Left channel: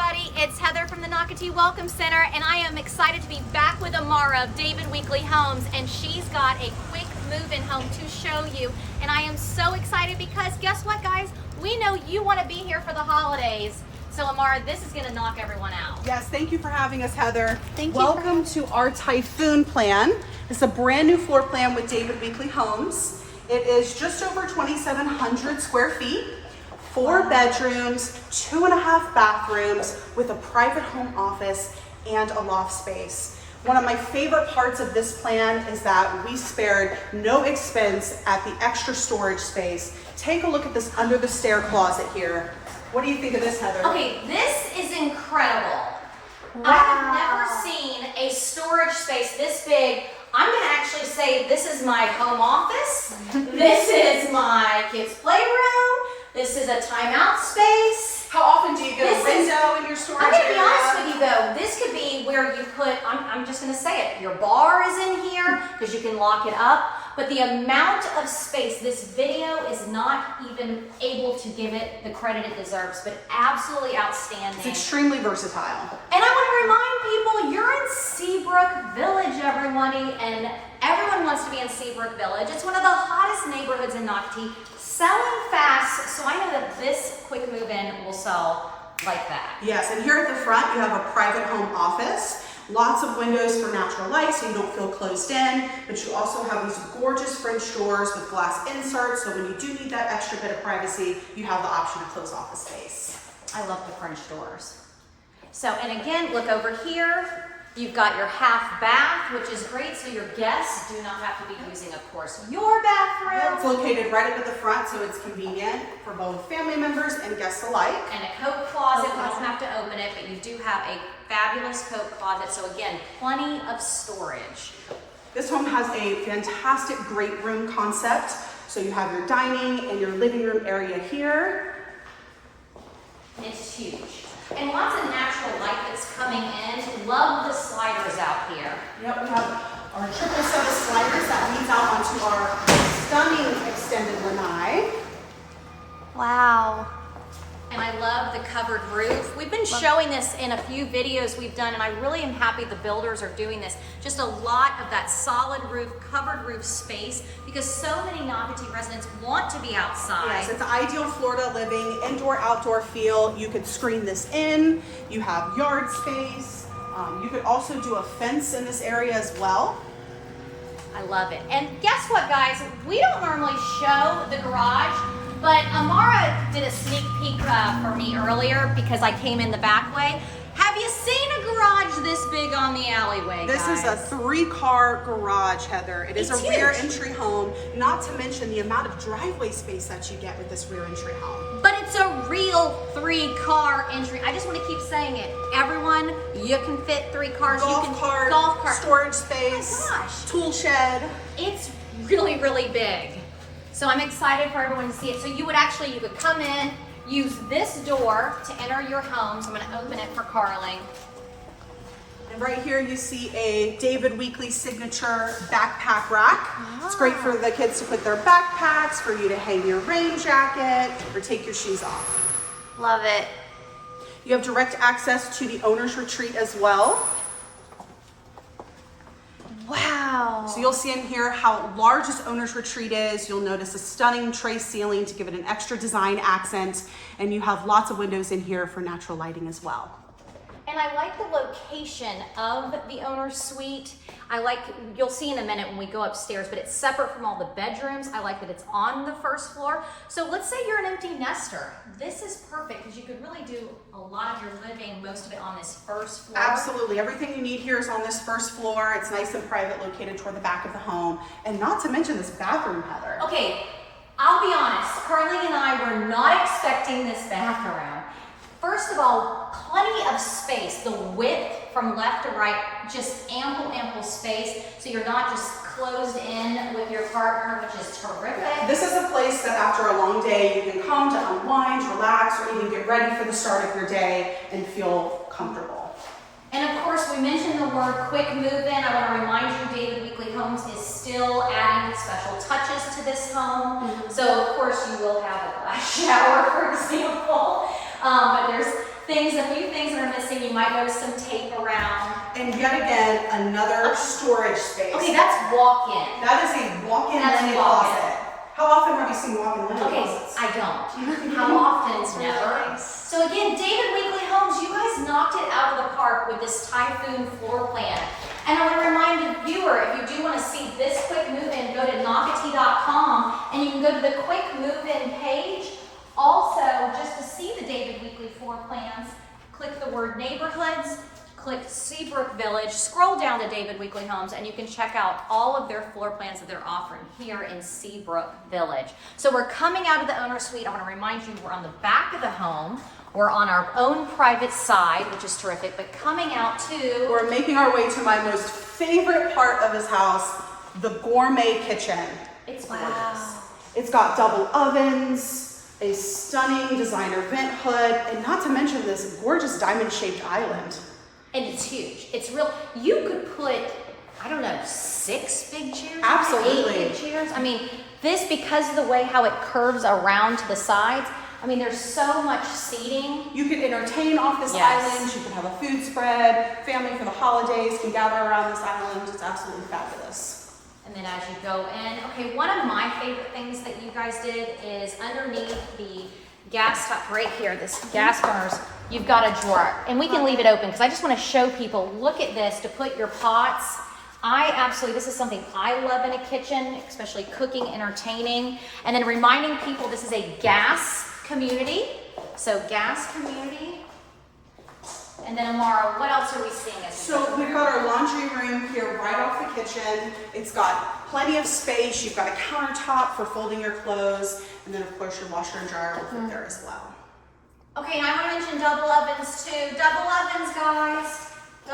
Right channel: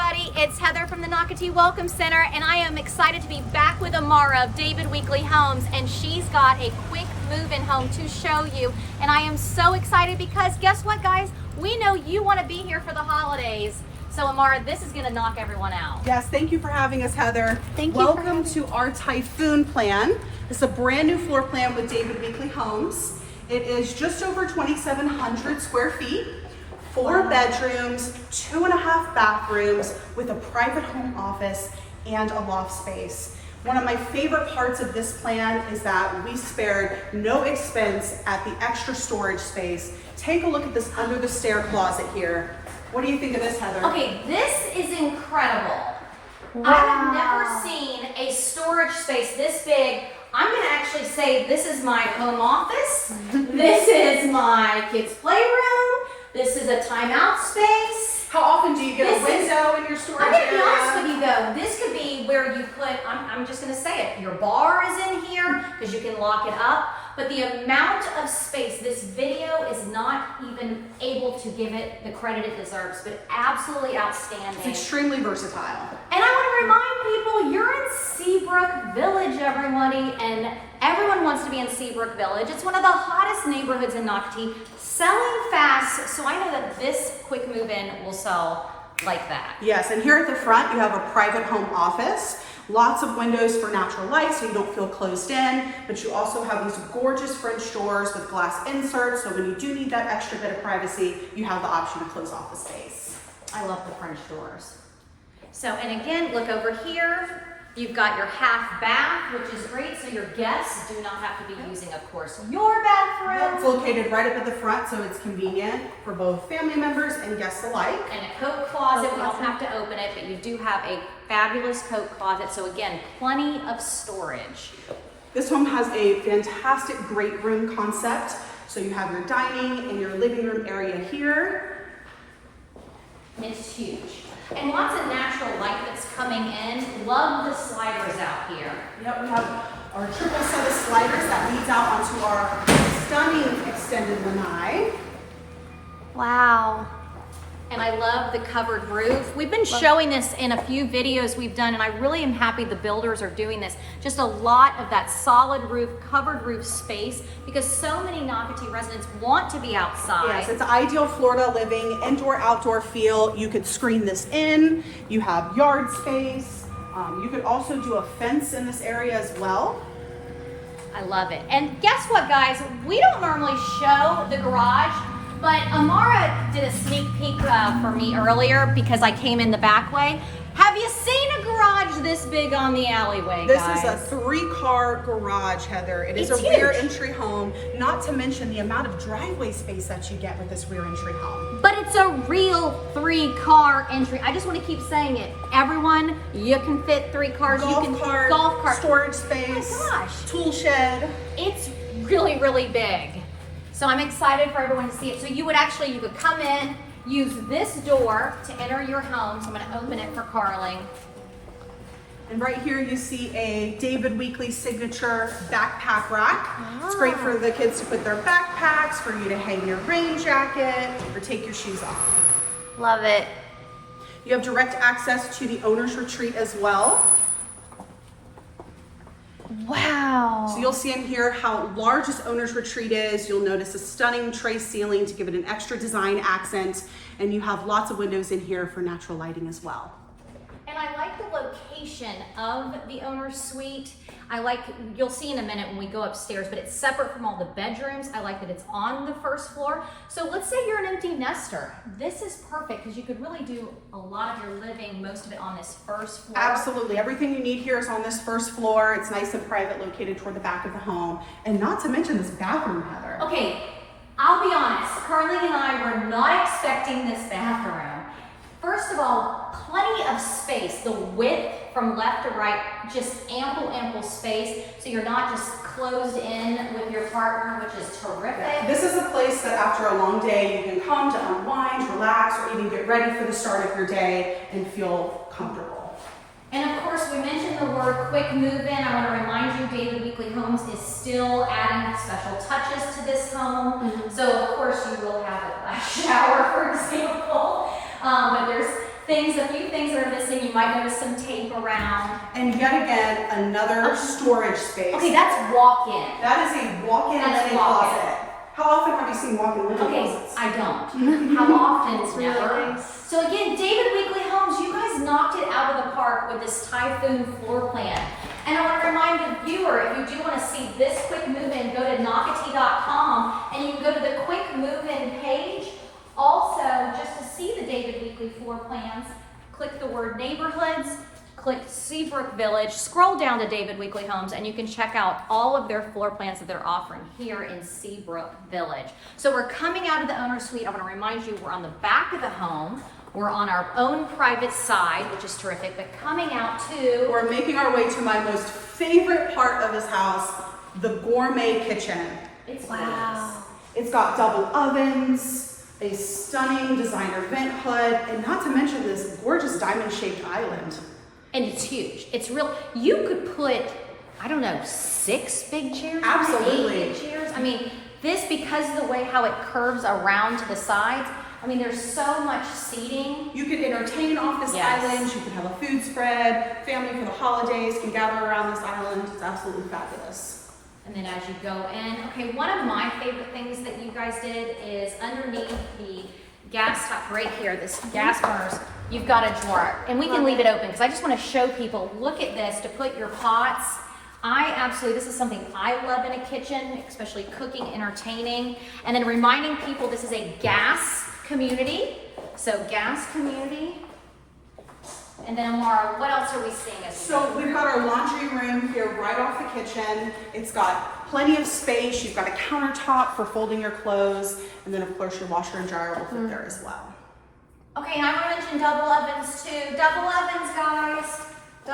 everybody, it's Heather from the Nocatee Welcome Center, and I am excited to be back with Amara of David Weekley Homes, and she's got a quick move-in home to show you, and I am so excited because guess what, guys? We know you want to be here for the holidays. So Amara, this is going to knock everyone out. Yes, thank you for having us, Heather. Thank you. Welcome to our Typhoon plan. It's a brand new floor plan with David Weekley Homes. It is just over 2,700 square feet, 4 bedrooms, 2.5 bathrooms with a private home office and a loft space. One of my favorite parts of this plan is that we spared no expense at the extra storage space. Take a look at this under the stair closet here. What do you think of this, Heather? Okay, this is incredible. Wow. I have never seen a storage space this big. I'm going to actually say this is my home office. This is my kids' playroom. This is a timeout space. How often do you get a window in your storage I'm going to be area? honest with you though, this could be where you put, I'm just going to say it, your bar is in here because you can lock it up. But the amount of space, this video is not even able to give it the credit it deserves, but absolutely outstanding. It's extremely versatile. And I want to remind people, you're in Seabrook Village, everybody, and everyone wants to be in Seabrook Village. It's one of the hottest neighborhoods in Nocatee, selling fast, so I know that this quick move-in will sell like that. Yes, and here at the front, you have a private home office. Lots of windows for natural light so you don't feel closed in, but you also have these gorgeous French doors with glass inserts, so when you do need that extra bit of privacy, you have the option to close off the space. I love the French doors. So, and again, look over here. You've got your half bath, which is great, so your guests do not have to be using, of course, your bathroom. It's located right up at the front, so it's convenient for both family members and guests alike. And a coat closet, we don't have to open it, but you do have a fabulous coat closet, so again, plenty of storage. This home has a fantastic great room concept. So you have your dining and your living room area here. It's huge. And lots of natural light that's coming in. Love the sliders out here. Yep, we have our triple set of sliders that leads out onto our stunning extended lanai. Wow. And I love the covered roof. We've been showing this in a few videos we've done, and I really am happy the builders are doing this. Just a lot of that solid roof, covered roof space, because so many Nocatee residents want to be outside. Yes, it's ideal Florida living, indoor-outdoor feel. You could screen this in. You have yard space. You could also do a fence in this area as well. I love it. And guess what, guys? We don't normally show the garage, but Amara did a sneak peek for me earlier because I came in the back way. Have you seen a garage this big on the alleyway, This guys? is a 3-car garage, Heather. It is It's a rear huge. entry home, not to mention the amount of driveway space that you get with this rear entry home. But it's a real 3-car entry. I just want to keep saying it. Everyone, you can fit 3 cars. Golf you can cart, golf cart, storage space, Oh my gosh. tool shed. It's really, really big. So I'm excited for everyone to see it. So you could come in, use this door to enter your home. So I'm going to open it for Carly. And right here you see a David Weekley signature backpack rack. It's great for the kids to put their backpacks, for you to hang your rain jacket, or take your shoes off. Love it. You have direct access to the owner's retreat as well. Wow. So you'll see in here how large this owner's retreat is. You'll notice a stunning tray ceiling to give it an extra design accent. And you have lots of windows in here for natural lighting as well. And I like the location of the owner's suite. You'll see in a minute when we go upstairs, but it's separate from all the bedrooms. I like that it's on the first floor. So let's say you're an empty nester. This is perfect because you could really do a lot of your living, most of it on this first floor. Absolutely, everything you need here is on this first floor. It's nice and private, located toward the back of the home. And not to mention this bathroom, Heather. Okay, I'll be honest. Carly and I were not expecting this bathroom. First of all, plenty of space. The width from left to right, just ample space. So you're not just closed in with your partner, which is terrific. This is a place that after a long day, you can come to unwind, relax, or even get ready for the start of your day and feel comfortable. And of course, we mentioned the word quick move-in. I want to remind you, David Weekley Homes is still adding special touches to this home. So of course, you will have a glass shower, for example. But there's things, a few things that are missing. You might notice some tape around. And yet again, another storage space. Okay, that's walk-in. That is a walk-in That's linen walk-in. closet. How often have you seen walk-in linen Okay, closets? I don't. How often? It's really Never. nice. So again, David Weekly Homes, you guys knocked it out of the park with this Typhoon floor plan. And I want to remind the viewer, if you do want to see this quick move-in, go to Nocatee.com and you can go to the quick move-in page. Also, just to see the David Weekly floor plans, click the word neighborhoods, click Seabrook Village, scroll down to David Weekly Homes, and you can check out all of their floor plans that they're offering here in Seabrook Village. So we're coming out of the owner suite. I want to remind you, we're on the back of the home. We're on our own private side, which is terrific, but coming out to... We're making our way to my most favorite part of this house, the gourmet kitchen. It's Wow. It's got double ovens, a stunning designer vent hood, and not to mention this gorgeous diamond-shaped island. And it's huge. It's real. You could put, I don't know, 6 big chairs? Absolutely. 8 big chairs? I mean, this, because of the way how it curves around to the sides, I mean, there's so much seating. You could entertain off this Yes. island, you could have a food spread, family for the holidays can gather around this island. It's absolutely fabulous. And then as you go in, okay, one of my favorite things that you guys did is underneath the gas, like right here, this gas burners, you've got a drawer. And we can leave it open because I just want to show people, look at this, to put your pots. This is something I love in a kitchen, especially cooking, entertaining. And then reminding people this is a gas community. So gas community. And then Amara, what else are we seeing? So we've got our laundry room here right off the kitchen. It's got plenty of space. You've got a countertop for folding your clothes. And then of course your washer and dryer will fit there as well. Okay, and I want to mention double ovens too. Double ovens, guys.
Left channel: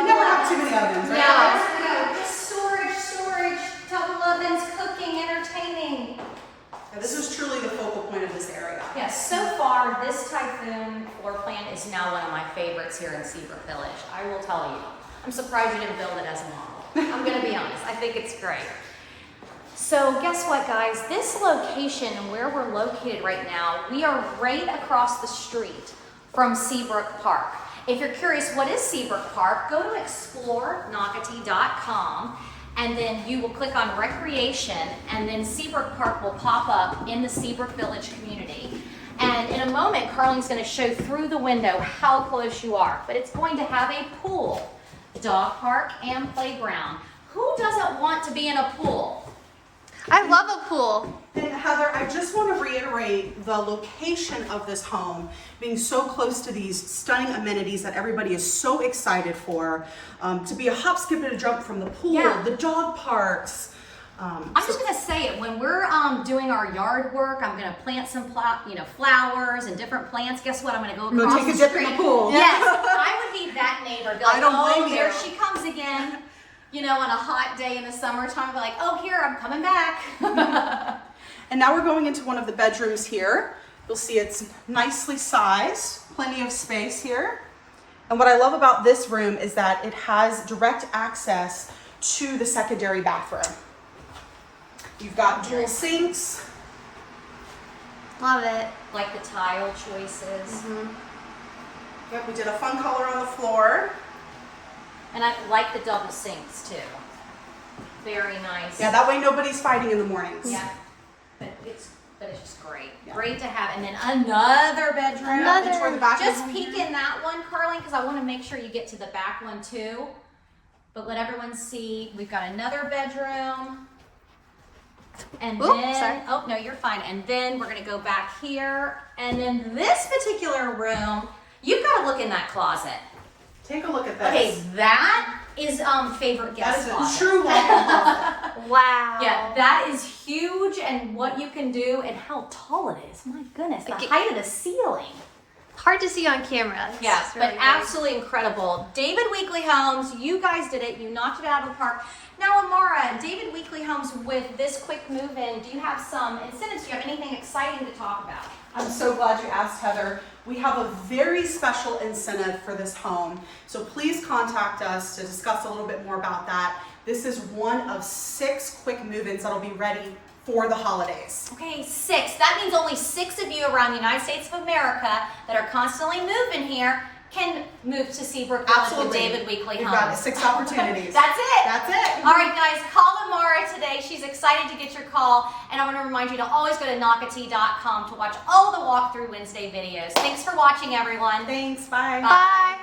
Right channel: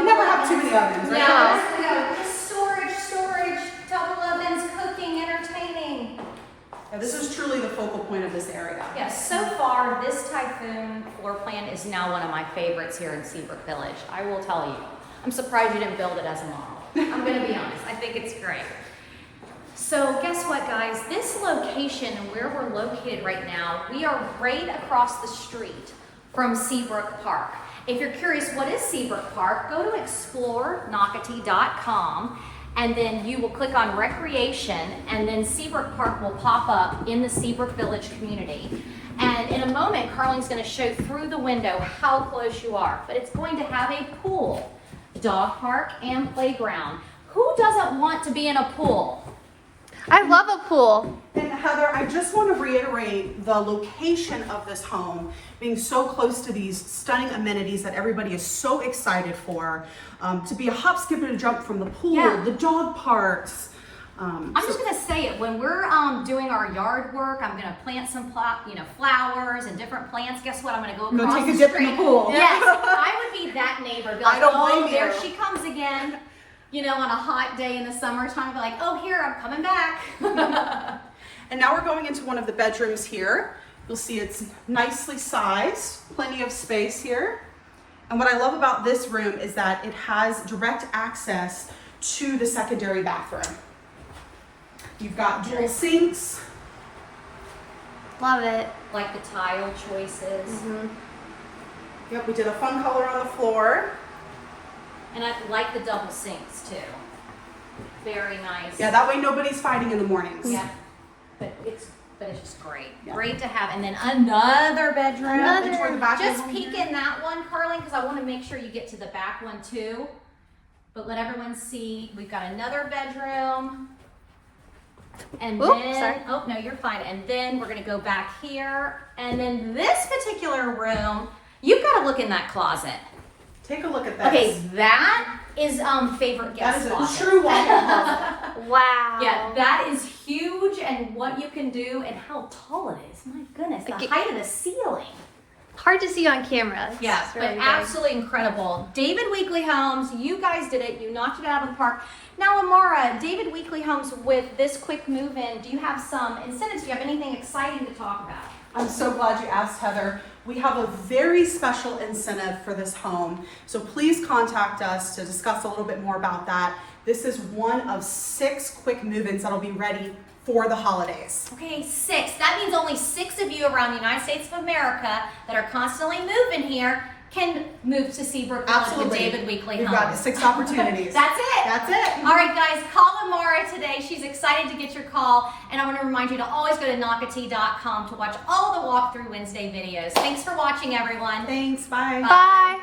You never have too many ovens, right? No. Storage, double ovens, cooking, entertaining. Yeah, this is truly the focal point of this area. Yes, so far, this Typhoon floor plan is now one of my favorites here in Seabrook Village. I will tell you. I'm surprised you didn't build it as a model. I'm going to be honest. I think it's great. So guess what, guys? This location and where we're located right now, we are right across the street from Seabrook Park. If you're curious, what is Seabrook Park? Go to explorenocatee.com and then you will click on recreation and then Seabrook Park will pop up in the Seabrook Village community. And in a moment, Carlene's going to show through the window how close you are. But it's going to have a pool, dog park, and playground. Who doesn't want to be in a pool? I love a pool. And Heather, I just want to reiterate the location of this home being so close to these stunning amenities that everybody is so excited for. To be a hop, skip, and a jump from the pool, Yeah. the dog parks. I'm just gonna say it, when we're doing our yard work, I'm gonna plant some flowers and different plants. Guess what? I'm gonna go Go across take a the dip in the street. pool. Yes, I would be that neighbor. Be like, I don't oh, blame there you. she comes again. You know, on a hot day in the summertime, I'd be like, oh, here, I'm coming back. And now we're going into one of the bedrooms here. You'll see it's nicely sized, plenty of space here. And what I love about this room is that it has direct access to the secondary bathroom. You've got dual sinks. Love it. Like the tile choices. Yep, we did a fun color on the floor. And I like the double sinks too. Very nice. Yeah, that way nobody's fighting in the mornings. Yeah. But it's just great. Yeah. Great to have. And then another bedroom. Another. Enjoy the back Just of the peek room. in that one, Carly, because I want to make sure you get to the back one too. But let everyone see, we've got another bedroom. And Oop, then, sorry. oh no, you're fine. And then we're gonna go back here. And then this particular room, you've got to look in that closet. Take a look at this. Okay, that is favorite That guest is a closet. true walk-in closet. Wow. Yeah, that is huge, and what you can do and how tall it is. My goodness, the Okay. height of the ceiling. Hard to see on camera. It's Yeah, really but big. absolutely incredible. David Weekly Homes, you guys did it. You knocked it out of the park. Now, Amara, David Weekly Homes, with this quick move-in, do you have some incentives? Do you have anything exciting to talk about? I'm so glad you asked, Heather. We have a very special incentive for this home, so please contact us to discuss a little bit more about that. This is one of 6 quick move-ins that'll be ready for the holidays. Okay, 6. That means only 6 of you around the United States of America that are constantly moving here can move to Seabrook Village with Absolutely. David Weekly We've Homes. got 6 opportunities. That's it. That's it. All right, guys, call Amara today. She's excited to get your call. And I want to remind you to always go to Nocatee.com to watch all the Walkthrough Wednesday videos. Thanks for watching, everyone. Thanks. Bye. Bye.